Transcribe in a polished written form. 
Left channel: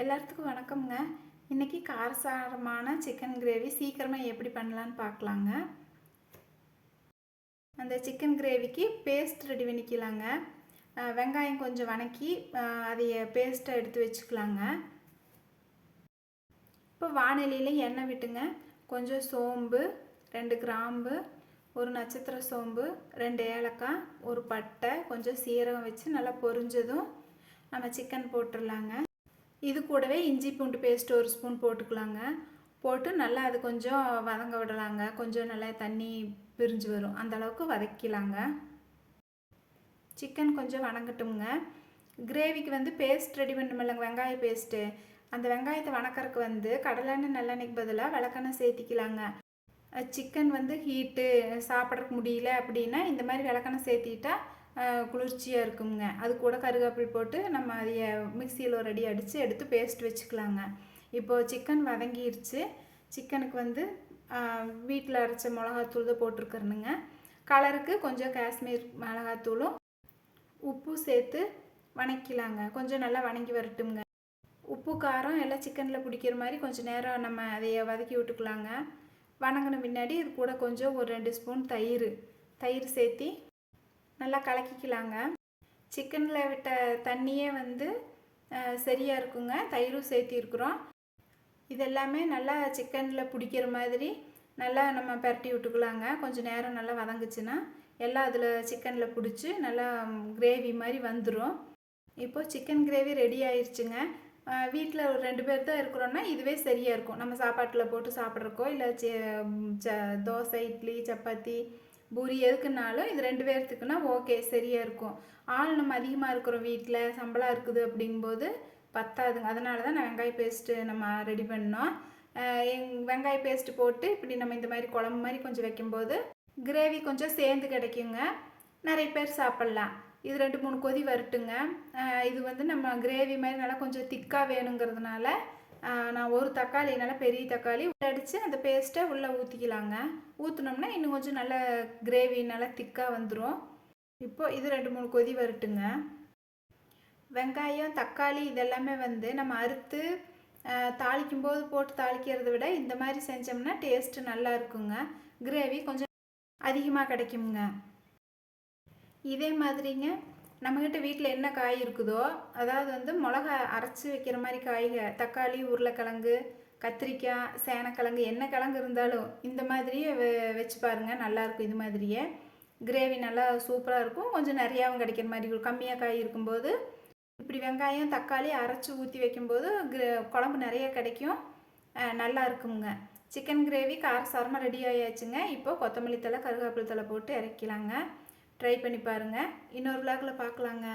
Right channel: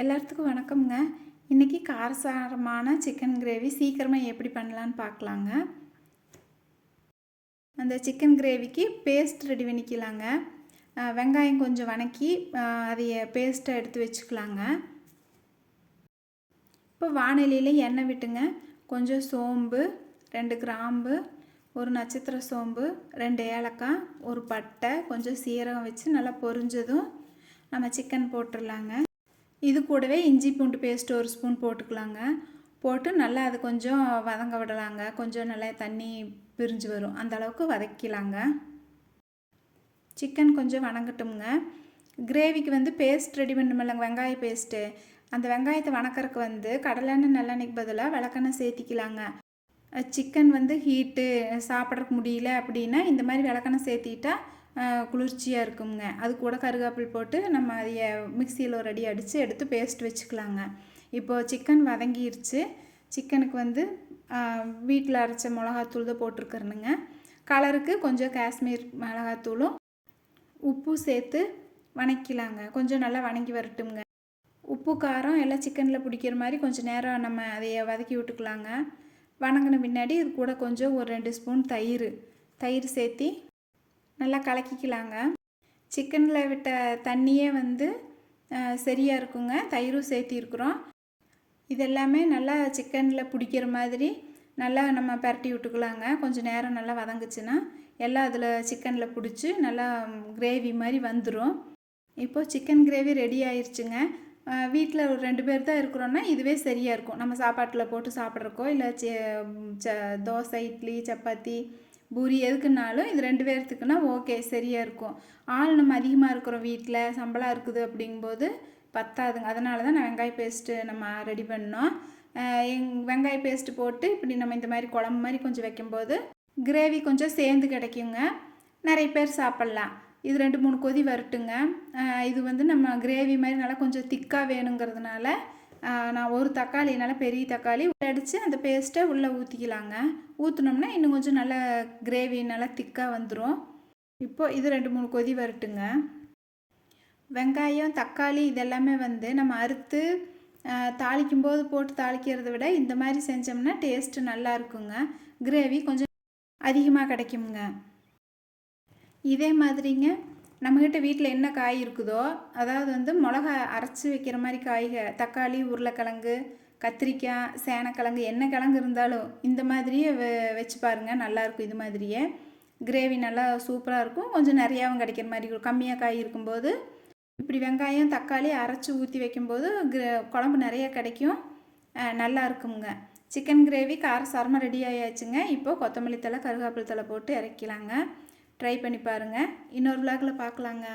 எல்லாத்துக்கும் வணக்கம்ங்க. இன்றைக்கி காரசாரமான சிக்கன் கிரேவி சீக்கிரமாக எப்படி பண்ணலான்னு பார்க்கலாங்க. அந்த சிக்கன் கிரேவிக்கு பேஸ்ட் ரெடி பண்ணிக்கலாங்க. வெங்காயம் கொஞ்சம் வணக்கி அதைய பேஸ்ட்டை எடுத்து வச்சுக்கலாங்க. இப்போ வானிலையில் எண்ணெய் விட்டுங்க. கொஞ்சம் சோம்பு, 2 கிராம்பு, ஒரு நட்சத்திர சோம்பு, 2 ஏலக்காய், ஒரு பட்டை, கொஞ்சம் சீரகம் வச்சு நல்லா பொரிஞ்சதும் நம்ம சிக்கன் போட்டுடலாங்க. இது கூடவே இஞ்சி பூண்டு பேஸ்ட் 1 ஸ்பூன் போட்டுக்கலாங்க. போட்டு நல்லா அது கொஞ்சம் வதங்க விடலாங்க. கொஞ்சம் நல்லா தண்ணி பிரிஞ்சு வரும், அந்த அளவுக்கு வதக்கிலாங்க. சிக்கன் கொஞ்சம் வணங்கட்டுங்க. கிரேவிக்கு வந்து பேஸ்ட் ரெடி பண்ணணுமில்லங்க, வெங்காய பேஸ்ட்டு. அந்த வெங்காயத்தை வணக்கறதுக்கு வந்து கடலெண்ணெய் நல்லெண்ணெய்க்கு பதிலாக விளக்கெண்ணெய் சேர்த்திக்கலாங்க. சிக்கன் வந்து ஹீட்டு சாப்பிட்றதுக்கு முடியல அப்படின்னா இந்த மாதிரி விளக்கெண்ணெய் சேர்த்திட்டா குளிர்ச்சியாக இருக்குங்க. அது கூட கருவேப்பில் போட்டு நம்ம அதை மிக்சியில் ஒரு அடி அடித்து எடுத்து பேஸ்ட் வச்சுக்கலாங்க. இப்போது சிக்கன் வதங்கிருச்சு. சிக்கனுக்கு வந்து வீட்டில் அரைச்ச மிளகாத்தூள் தான் போட்டிருக்கிறேனுங்க. கலருக்கு கொஞ்சம் காஷ்மீர் மிளகாத்தூளும் உப்பு சேர்த்து வணக்கிலாங்க. கொஞ்சம் நல்லா வணங்கி வரட்டுங்க. உப்பு காரம் எல்லாம் சிக்கனில் பிடிக்கிற மாதிரி கொஞ்சம் நேரம் நம்ம அதைய வதக்கி விட்டுக்கலாங்க. வணங்கின பின்னாடி இது கூட கொஞ்சம் ஒரு 2 ஸ்பூன் தயிர் சேர்த்தி நல்லா கலக்கிக்கலாங்க. சிக்கனில் விட்ட தண்ணியே வந்து சரியாக இருக்குங்க. தயிரும் சேர்த்திருக்குறோம். இதெல்லாமே நல்லா சிக்கனில் பிடிக்கிற மாதிரி நல்லா நம்ம பரட்டி விட்டுக்கலாங்க. கொஞ்சம் நேரம் நல்லா வதங்குச்சுன்னா எல்லாம் அதில் சிக்கனில் பிடிச்சி நல்லா கிரேவி மாதிரி வந்துடும். இப்போது சிக்கன் கிரேவி ரெடி ஆயிடுச்சுங்க. வீட்டில் ஒரு 2 பேர் தான் இருக்கிறோன்னா இதுவே சரியாக இருக்கும். நம்ம சாப்பாட்டில் போட்டு சாப்பிட்றக்கோ இல்லை தோசை, இட்லி, சப்பாத்தி, பூரி எதுக்குன்னாலும் இது 2 பேர்த்துக்குன்னா ஓகே, சரியாக இருக்கும். ஆள் நம்ம அதிகமாக இருக்கிறோம், வீட்டில் சம்பளம் இருக்குது அப்படிங்கும்போது பத்தாதுங்க. அதனால தான் நான் வெங்காய பேஸ்ட்டு நம்ம ரெடி பண்ணோம். வெங்காய பேஸ்ட்டு போட்டு இப்படி நம்ம இந்த மாதிரி குழம்பு மாதிரி கொஞ்சம் வைக்கும்போது கிரேவி கொஞ்சம் சேர்ந்து கிடைக்குங்க. நிறைய பேர் சாப்பிட்லாம். இது 2-3 கொதி வரட்டுங்க. இது வந்து நம்ம கிரேவி மாதிரி நல்லா கொஞ்சம் திக்காக வேணுங்கிறதுனால நான் ஒரு தக்காளி, நல்லா பெரிய தக்காளி அடித்து அந்த பேஸ்ட்டை உள்ளே ஊற்றிக்கலாங்க. ஊற்றினோம்னா இன்னும் கொஞ்சம் நல்லா கிரேவி நல்லா திக்காக வந்துடும். இப்போது இது 2-3 கொதி வரட்டுங்க. வெங்காயம், தக்காளி இதெல்லாமே வந்து நம்ம அறுத்து தாளிக்கும்போது போட்டு தாளிக்கிறத விட இந்த மாதிரி செஞ்சோம்னா டேஸ்ட்டு நல்லா இருக்குங்க. கிரேவி கொஞ்சம் அதிகமாக கிடைக்குங்க. இதே மாதிரிங்க நம்மக்கிட்ட வீட்டில் என்ன காய் இருக்குதோ, அதாவது வந்து மிளகா அரைச்சி வைக்கிற மாதிரி தக்காளி, உருளைக்கிழங்கு, கத்திரிக்காய், சேனக்கிழங்கு, என்ன கிழங்கு இருந்தாலும் இந்த மாதிரியே வச்சு பாருங்கள், நல்லாயிருக்கும். இது மாதிரியே கிரேவி நல்லா சூப்பராக இருக்கும். கொஞ்சம் நிறையாவும் கிடைக்கிற மாதிரி இருக்கும். கம்மியாக காய் இருக்கும்போது இப்படி வெங்காயம், தக்காளி அரைச்சி ஊற்றி வைக்கும்போது குழம்பு நிறையா கிடைக்கும், நல்லா இருக்குங்க. சிக்கன் கிரேவி காரசாரமாக ரெடி ஆயாச்சுங்க. இப்போது கொத்தமல்லி தழை, கருவேப்பிலை தழை போட்டு இறக்கிலாங்க. ட்ரை பண்ணி பாருங்கள். இன்னொரு விளாகில் பார்க்கலாங்க.